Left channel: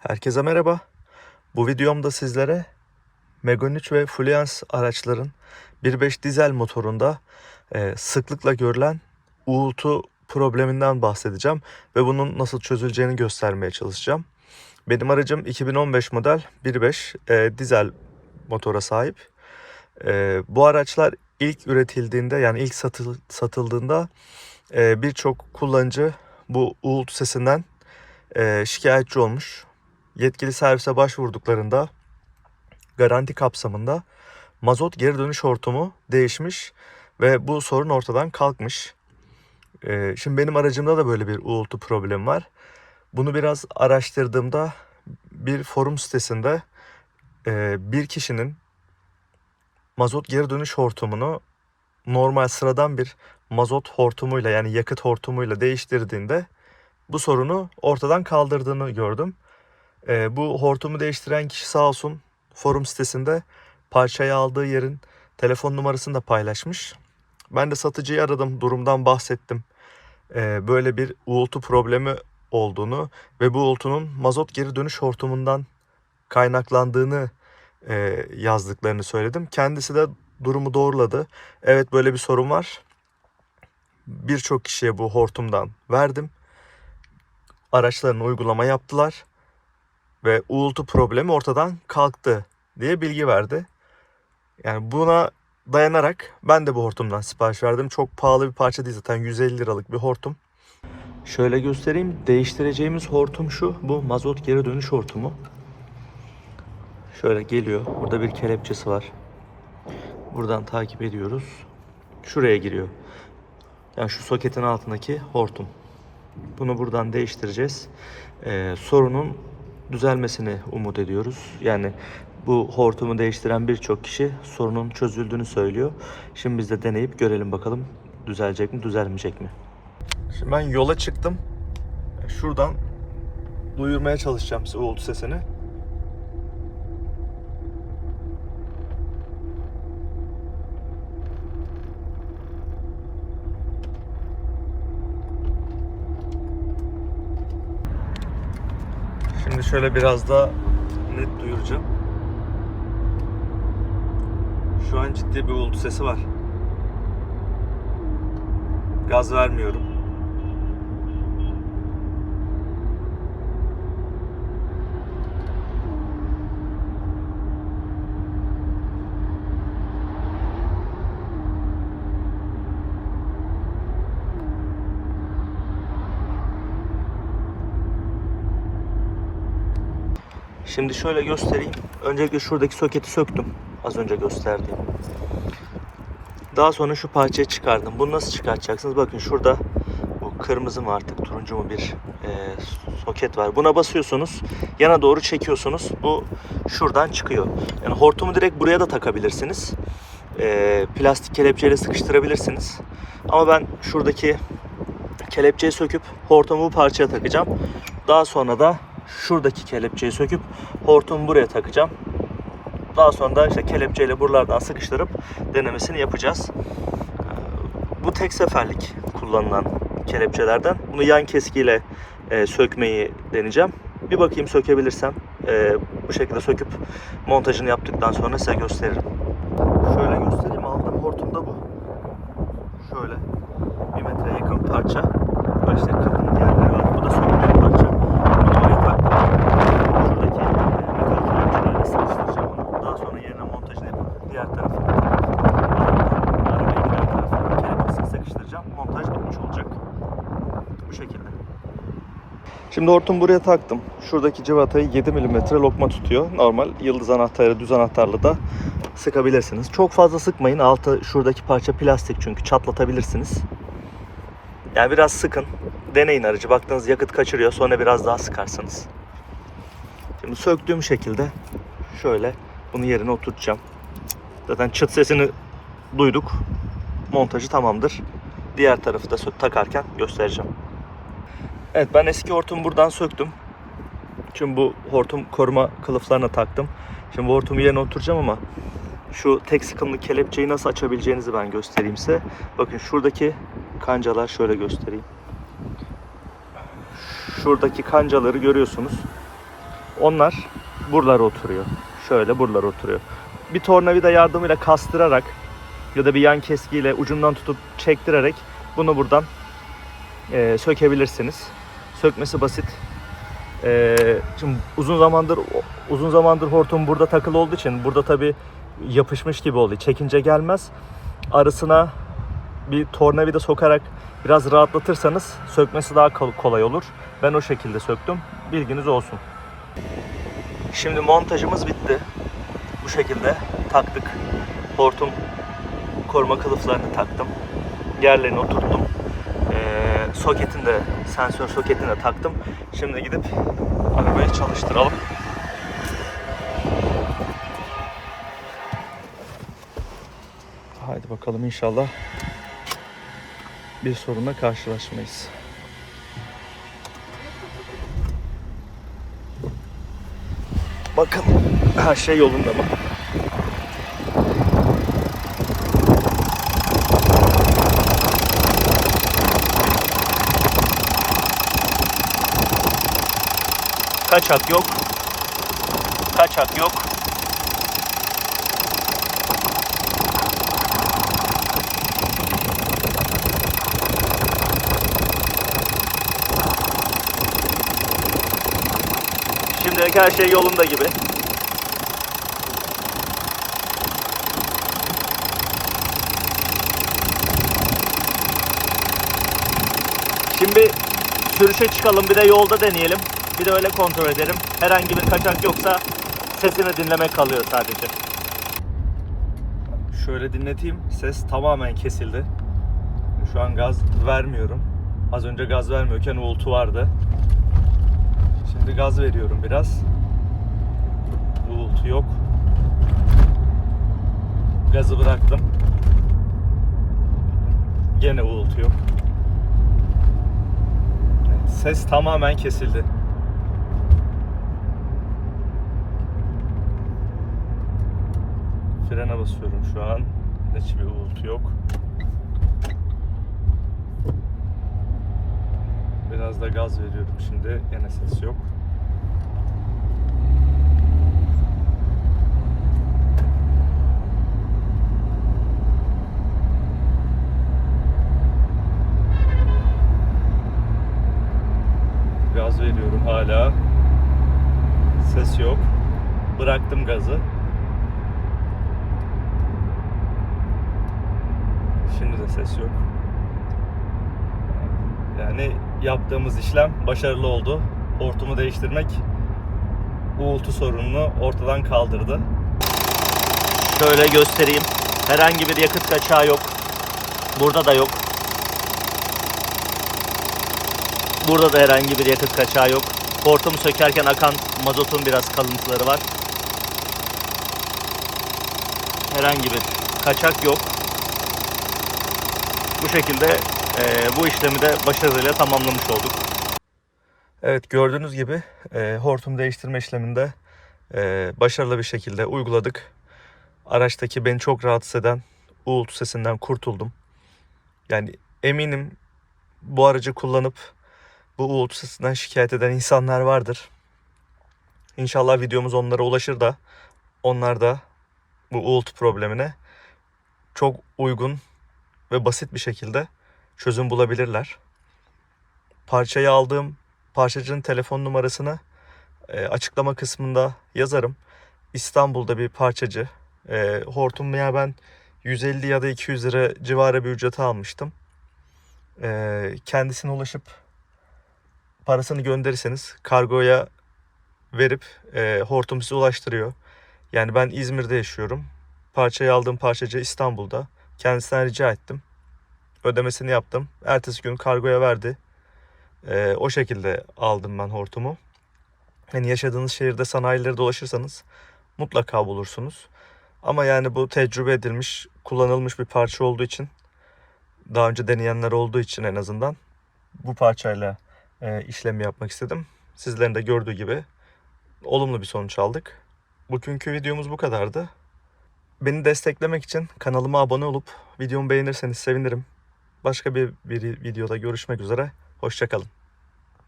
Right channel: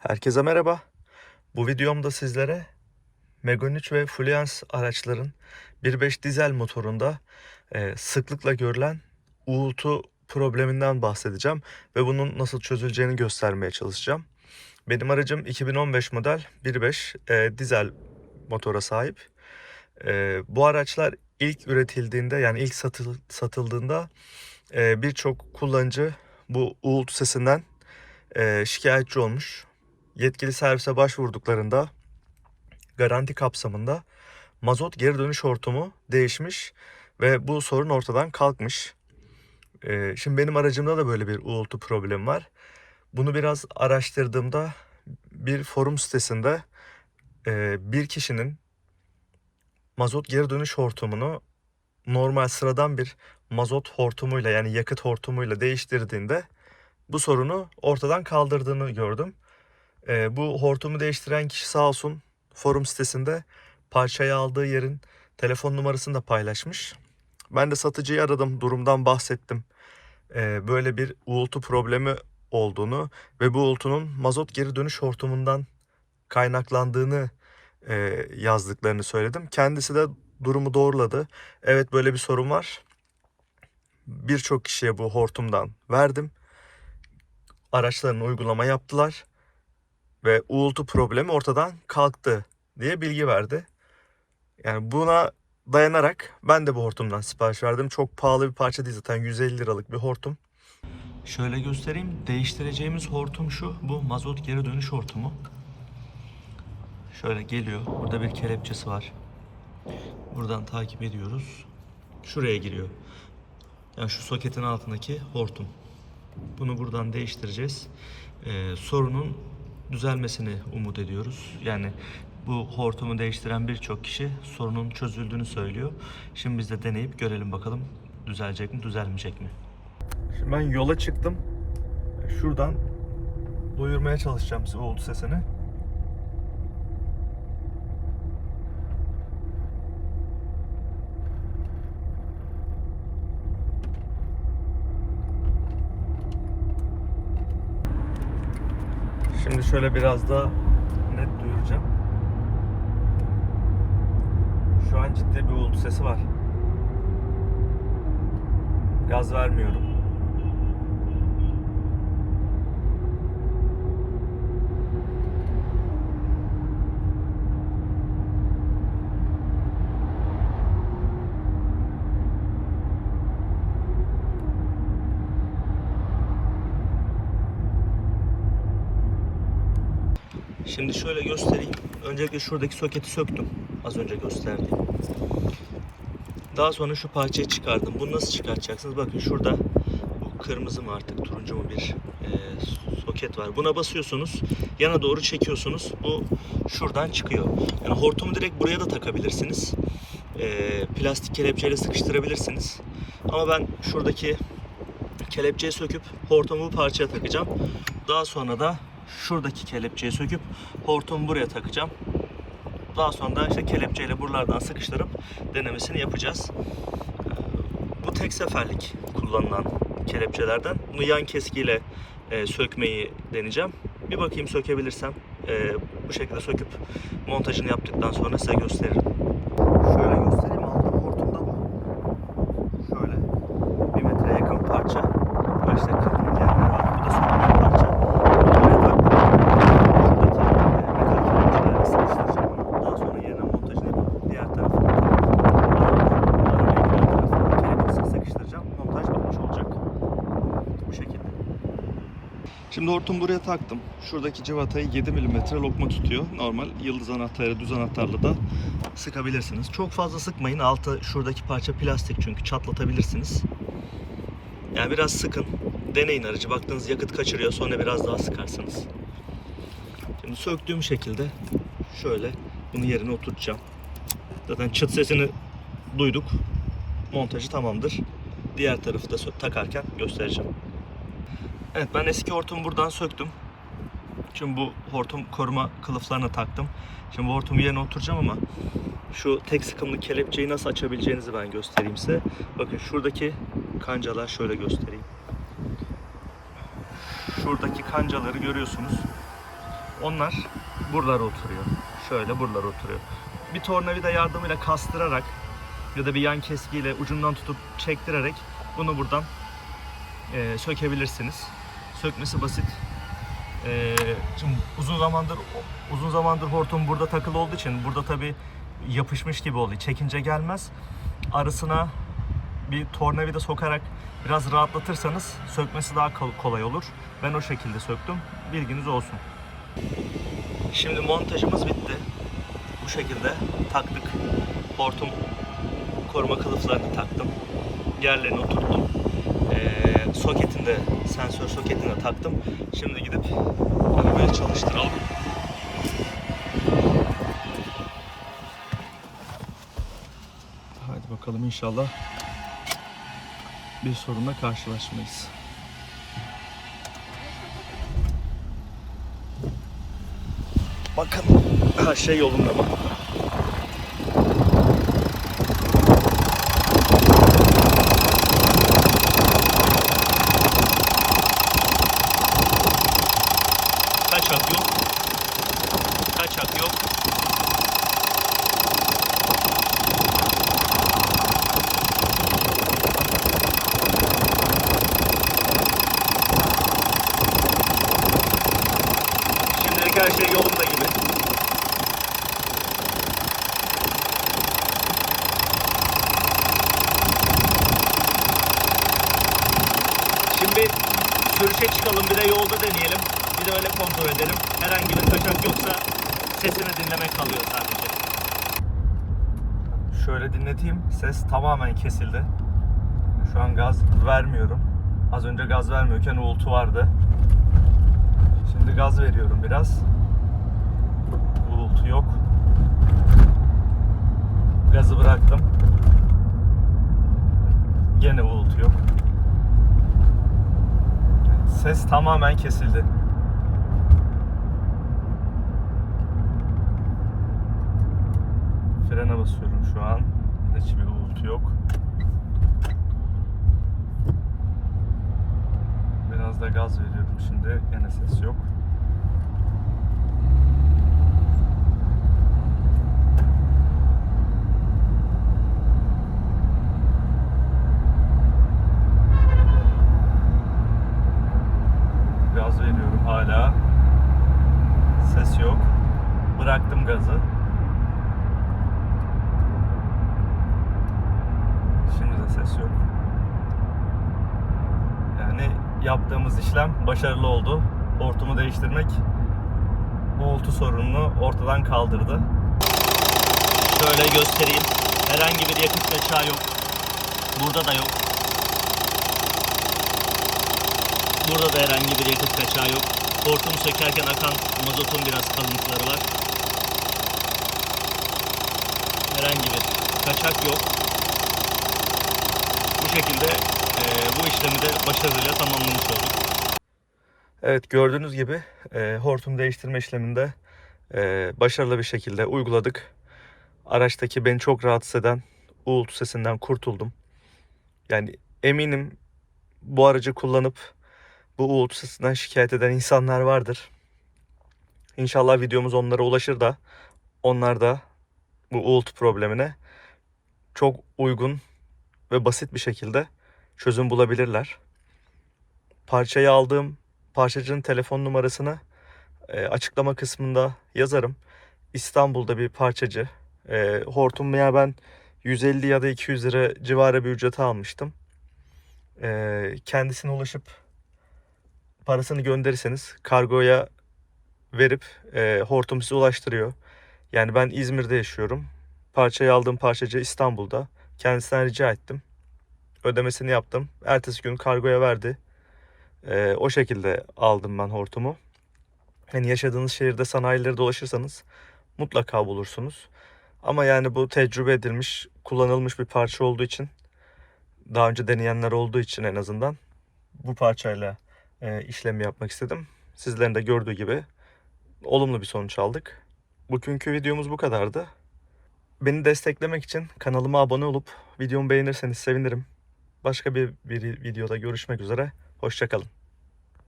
Herkese merhaba. Bu videomda sizlere Megane 3 ve Fluence araçların 1.5 dizel motorunda e, sıklıkla görülen uğultu probleminden bahsedeceğim ve bunun nasıl çözüleceğini göstermeye çalışacağım. Benim aracım 2015 model 1.5 e, dizel motora sahip. E, bu araçlar ilk üretildiğinde yani ilk satıl, satıldığında birçok kullanıcı bu uğultu sesinden şikayetçi olmuş yetkili servise başvurduklarında garanti kapsamında mazot geri dönüş hortumu değişmiş ve bu sorun ortadan kalkmış. Ee, şimdi benim aracımda da böyle bir uğultu problemi var. Bunu biraz araştırdığımda bir forum sitesinde e, bir kişinin mazot geri dönüş hortumunu normal sıradan bir mazot hortumuyla yani yakıt hortumuyla değiştirdiğinde bu sorunu ortadan kaldırdığını gördüm. E, bu hortumu değiştiren kişi sağ olsun forum sitesinde parçayı aldığı yerin telefon numarasını da paylaşmış. Ben de satıcıyı aradım, durumdan bahsettim. E, böyle bir uğultu problemi olduğunu ve bu uğultunun mazot geri dönüş hortumundan kaynaklandığını e, yazdıklarını söyledim. Kendisi de durumu doğruladı. Evet böyle bir sorun var. Birçok kişiye bu hortumdan verdim. Araçlarını uygulama yaptılar ve uğultu problemi ortadan kalktı diye bilgi verdi. Yani buna dayanarak ben de bu hortumdan sipariş verdim. Çok pahalı bir parça değil zaten 150 liralık bir hortum. Şöyle göstereyim. Değiştireceğimiz hortum şu. Bu mazot geri dönüş hortumu. Şöyle geliyor. Burada bir kelepçesi var. Buradan takip ediyoruz. Şuraya giriyor. Yani şu soketin altındaki hortum. Bunu buradan değiştireceğiz. Ee, sorunun düzelmesini umut ediyoruz. Yani bu hortumu değiştiren birçok kişi sorunun çözüldüğünü söylüyor. Şimdi biz de deneyip görelim bakalım düzelecek mi, düzelmeyecek mi? Şimdi ben yola çıktım. Şuradan duyurmaya çalışacağım size uğultu sesini. Şimdi şöyle biraz daha net duyuracağım. Şu an ciddi bir uğultu sesi var. Gaz vermiyorum. Şimdi şöyle göstereyim. Öncelikle şuradaki soketi söktüm. Az önce gösterdiğim. Daha sonra şu parçayı çıkardım. Bunu nasıl çıkartacaksınız? Bakın şurada bu kırmızı mı artık turuncu mu bir e, soket var. Buna basıyorsunuz. Yana doğru çekiyorsunuz. Bu şuradan çıkıyor. Yani hortumu direkt buraya da takabilirsiniz. E, plastik kelepçeyle sıkıştırabilirsiniz. Ama ben şuradaki kelepçeyi söküp hortumu bu parçaya takacağım. Daha sonra da şuradaki kelepçeyi söküp hortumu buraya takacağım. Daha sonra da işte kelepçeyle buralardan sıkıştırıp denemesini yapacağız. Bu tek seferlik kullanılan kelepçelerden. Bunu yan keskiyle e, sökmeyi deneyeceğim. Bir bakayım sökebilirsem e, bu şekilde söküp montajını yaptıktan sonra size gösteririm. Şöyle göstereyim aldığım hortum da bu. Şöyle bir metreye yakın parça. Böyle işte kapının diğer bir yolu. Bu da söktüğüm parça. Bunu buraya taktım. Buradaki e, metal kelepçelerle sıkıştıracağım bunu. Daha sonra yerine montajını yapıp diğer tarafına arabanın diğer tarafına kelepçesini sıkıştıracağım. Montaj bitmiş olacak. Bu şekilde. Şimdi hortum buraya taktım. Şuradaki cıvatayı 7 mm lokma tutuyor. Normal yıldız anahtarı, düz anahtarlı da sıkabilirsiniz. Çok fazla sıkmayın. Altı şuradaki parça plastik çünkü çatlatabilirsiniz. Yani biraz sıkın. Deneyin aracı. Baktığınız yakıt kaçırıyor. Sonra biraz daha sıkarsınız. Şimdi söktüğüm şekilde şöyle bunu yerine oturtacağım. Zaten çıt sesini duyduk. Montajı tamamdır. Diğer tarafı da takarken göstereceğim. Evet ben eski hortumu buradan söktüm. Şimdi bu hortum koruma kılıflarına taktım. Şimdi bu hortumu yerine oturacağım ama şu tek sıkımlı kelepçeyi nasıl açabileceğinizi ben göstereyim size. Bakın şuradaki kancalar şöyle göstereyim. Şuradaki kancaları görüyorsunuz. Onlar buralara oturuyor. Şöyle buralara oturuyor. Bir tornavida yardımıyla kastırarak ya da bir yan keskiyle ucundan tutup çektirerek bunu buradan e, sökebilirsiniz. Sökmesi basit. E, şimdi uzun zamandır uzun zamandır hortum burada takılı olduğu için burada tabi yapışmış gibi oluyor. Çekince gelmez. Arasına bir tornavida sokarak biraz rahatlatırsanız sökmesi daha kol- kolay olur. Ben o şekilde söktüm. Bilginiz olsun. Şimdi montajımız bitti. Bu şekilde taktık. Hortum koruma kılıflarını taktım. Yerlerini oturttum. Ee, soketini de, sensör soketini de taktım. Şimdi gidip arabayı çalıştıralım. Haydi bakalım inşallah bir sorunla karşılaşmayız. Bakın her şey yolunda mı? Kaçak yok. Kaçak yok. Şimdilik her şey yolunda gibi. Şimdi sürüşe çıkalım bir de yolda deneyelim. Bir de öyle kontrol edelim. Herhangi bir kaçak yoksa sesini dinlemek kalıyor sadece. Şöyle dinleteyim. Ses tamamen kesildi. Şu an gaz vermiyorum. Az önce gaz vermiyorken uğultu vardı. Şimdi gaz veriyorum biraz. Uğultu yok. Gazı bıraktım. Gene uğultu yok. Ses tamamen kesildi. Basıyorum şu an. Hiçbir uğultu yok. Biraz da gaz veriyorum şimdi. Yine ses yok. Gaz veriyorum hala. Ses yok. Bıraktım gazı. Şimdi de ses yok. Yani yaptığımız işlem başarılı oldu. Hortumu değiştirmek uğultu sorununu ortadan kaldırdı. Şöyle göstereyim. Herhangi bir yakıt kaçağı yok. Burada da yok. Burada da herhangi bir yakıt kaçağı yok. Hortumu sökerken akan mazotun biraz kalıntıları var. Herhangi bir kaçak yok. Bu şekilde e, bu işlemi de başarıyla tamamlamış olduk. Evet gördüğünüz gibi e, hortum değiştirme işleminde e, başarılı bir şekilde uyguladık. Araçtaki beni çok rahatsız eden uğultu sesinden kurtuldum. Yani eminim bu aracı kullanıp bu uğultu sesinden şikayet eden insanlar vardır. İnşallah videomuz onlara ulaşır da onlar da bu uğultu problemine çok uygun ve basit bir şekilde çözüm bulabilirler. Parçayı aldığım parçacının telefon numarasını e, açıklama kısmında yazarım. İstanbul'da bir parçacı. E, hortum ya ben 150 ya da 200 lira civarı bir ücrete almıştım. E, kendisine ulaşıp parasını gönderirseniz kargoya verip e, hortum size ulaştırıyor. Yani ben İzmir'de yaşıyorum. Parçayı aldığım parçacı İstanbul'da. Kendisinden rica ettim. Ödemesini yaptım. Ertesi gün kargoya verdi. Ee, o şekilde aldım ben hortumu. Yani yaşadığınız şehirde sanayileri dolaşırsanız mutlaka bulursunuz. Ama yani bu tecrübe edilmiş, kullanılmış bir parça olduğu için daha önce deneyenler olduğu için en azından bu parçayla e, işlemi yapmak istedim. Sizlerin de gördüğü gibi olumlu bir sonuç aldık. Bugünkü videomuz bu kadardı. Beni desteklemek için kanalıma abone olup videomu beğenirseniz sevinirim. Başka bir, bir videoda görüşmek üzere. Hoşçakalın.